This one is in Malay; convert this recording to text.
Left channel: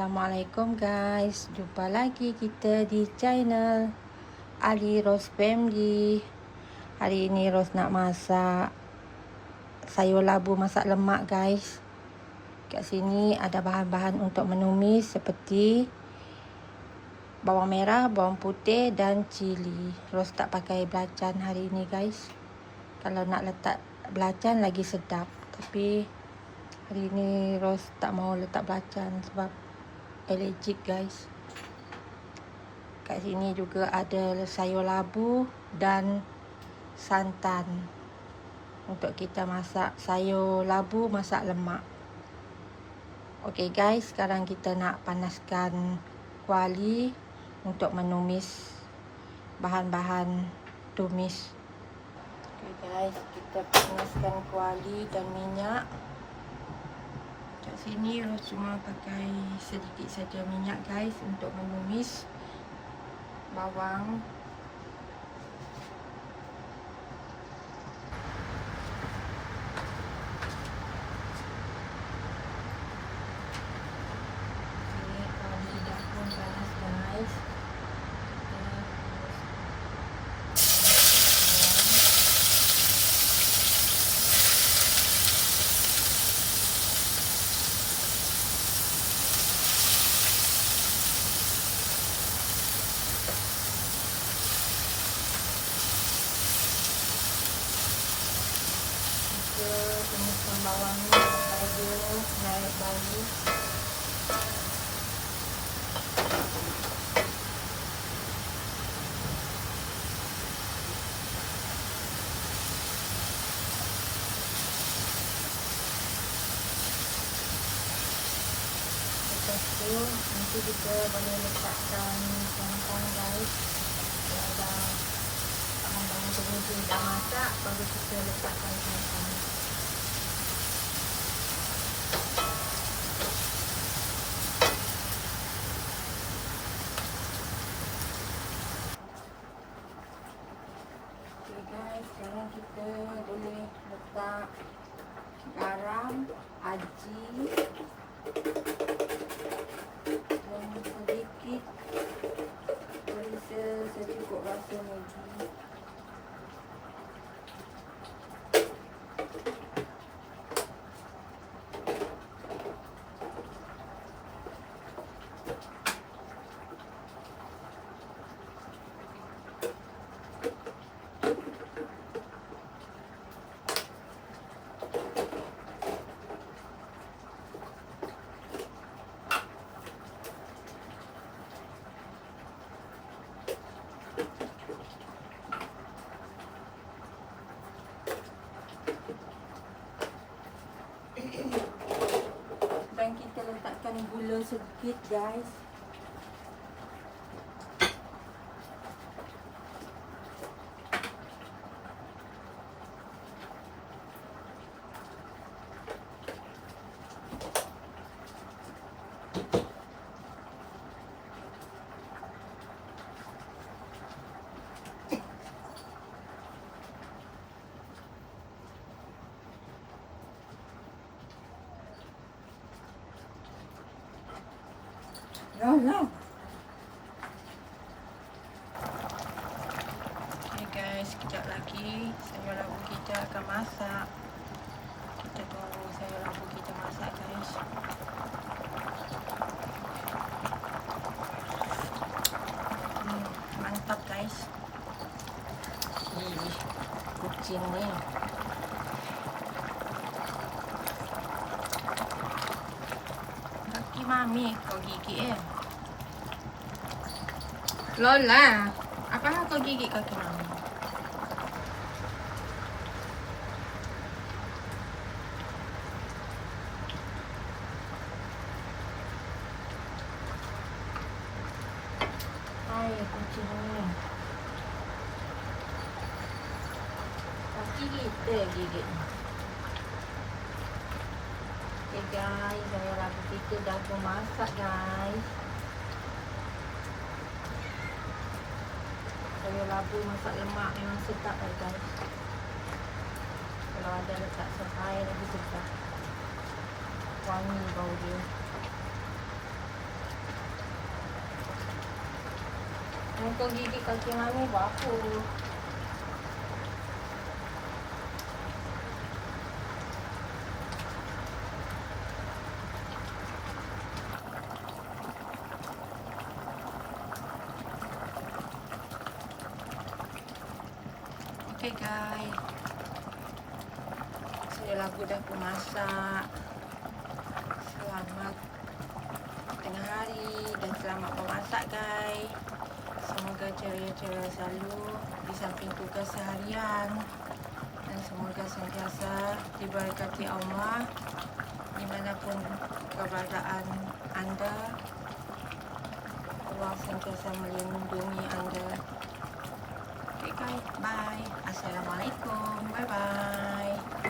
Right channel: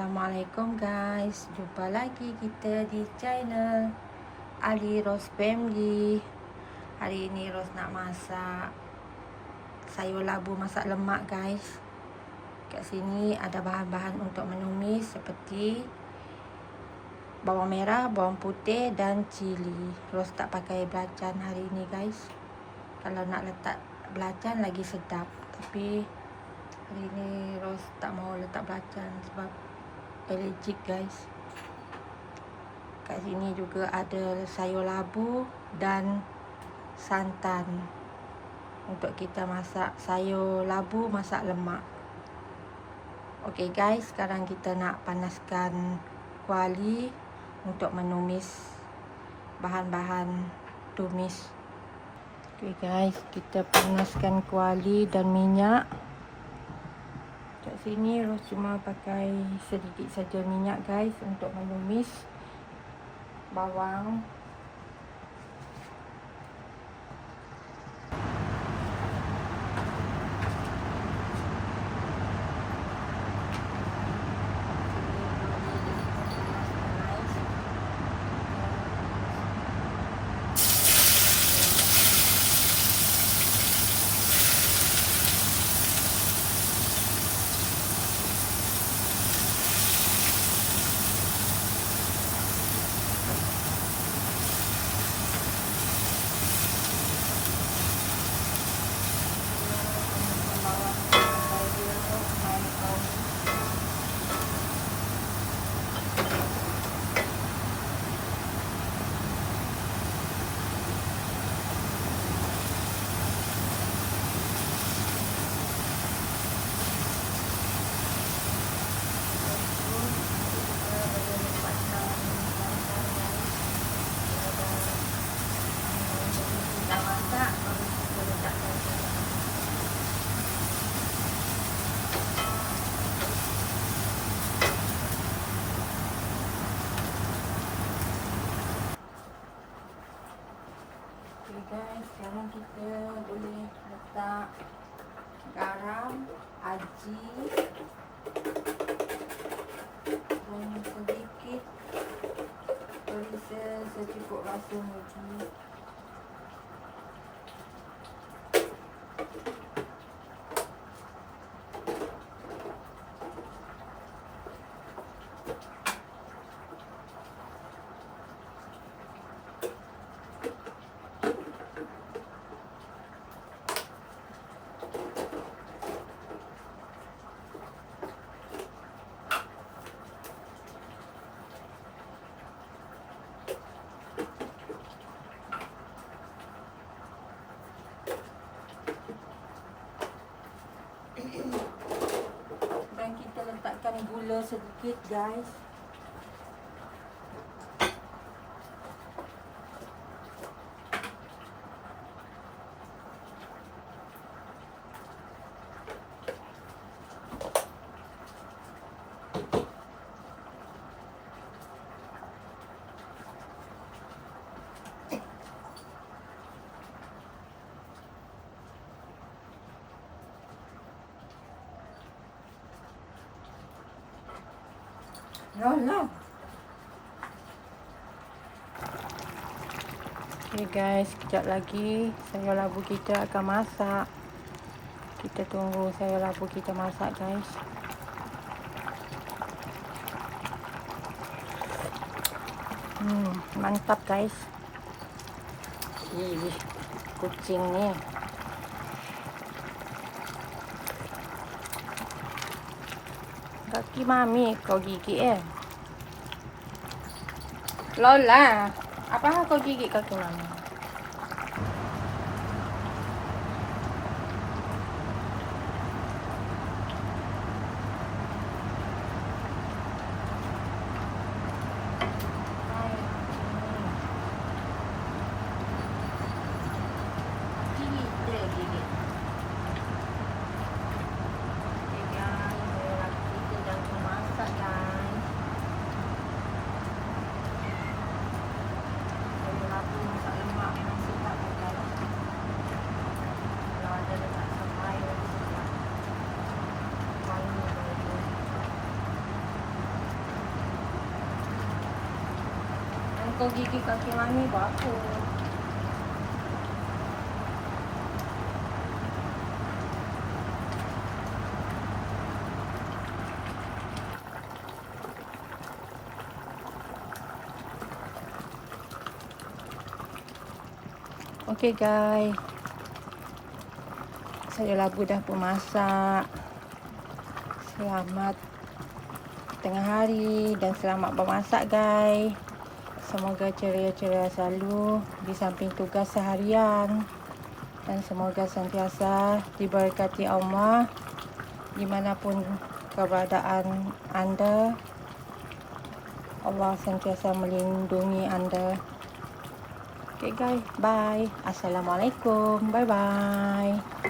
Assalamualaikum guys, jumpa lagi kita di channel Ali Rose Family. Hari ini Rose nak masak sayur labu masak lemak guys. Kat sini ada bahan-bahan untuk menumis seperti bawang merah, bawang putih dan cili. Rose tak pakai belacan hari ini guys. Kalau nak letak belacan lagi sedap, tapi hari ni Rose tak mau letak belacan sebab allergic guys. Kat sini juga ada sayur labu dan santan untuk kita masak sayur labu masak lemak. Okey guys, sekarang kita nak panaskan kuali untuk menumis bahan-bahan tumis. Okey guys, kita panaskan kuali dan minyak. Kat sini Rose cuma pakai sedikit saja minyak guys untuk menumis bawang. Nanti kita boleh letakkan santan guys. Kalau dah bahan-bahan jenis ni dah masak, baru kita letakkan santan. Okay guys, sekarang kita boleh letak garam, aji dan sedikit perisa secukup rasa Maggi. Dan kita letakkan gula sedikit guys. Lah. Okay guys, sekejap lagi sayur labu kita akan masak. Kita tunggu sayur labu kita masak guys. Mantap guys. Ih, kucing ni. Kaki mami kau gigit Lola, apa kau gigit kaki mami? Ayo kucing ni. Kaki kita gigit. Okay guys, sayur labu kita dah masak guys. Sayur labu masak lemak memang sedap guys. Kalau ada letak sos air lagi sedap. Wangi bau dia. Dokter gigi kaki mami berapa? Okay guys, saya lagu dah pun masak. Selamat tengah hari dan selamat bermasak guys. Semoga ceria-ceria selalu di samping tugas seharian, dan semoga sentiasa diberkati Allah dimanapun keberadaan anda. Allah sentiasa melindungi anda. Okay guys, bye. Assalamualaikum. Bye bye.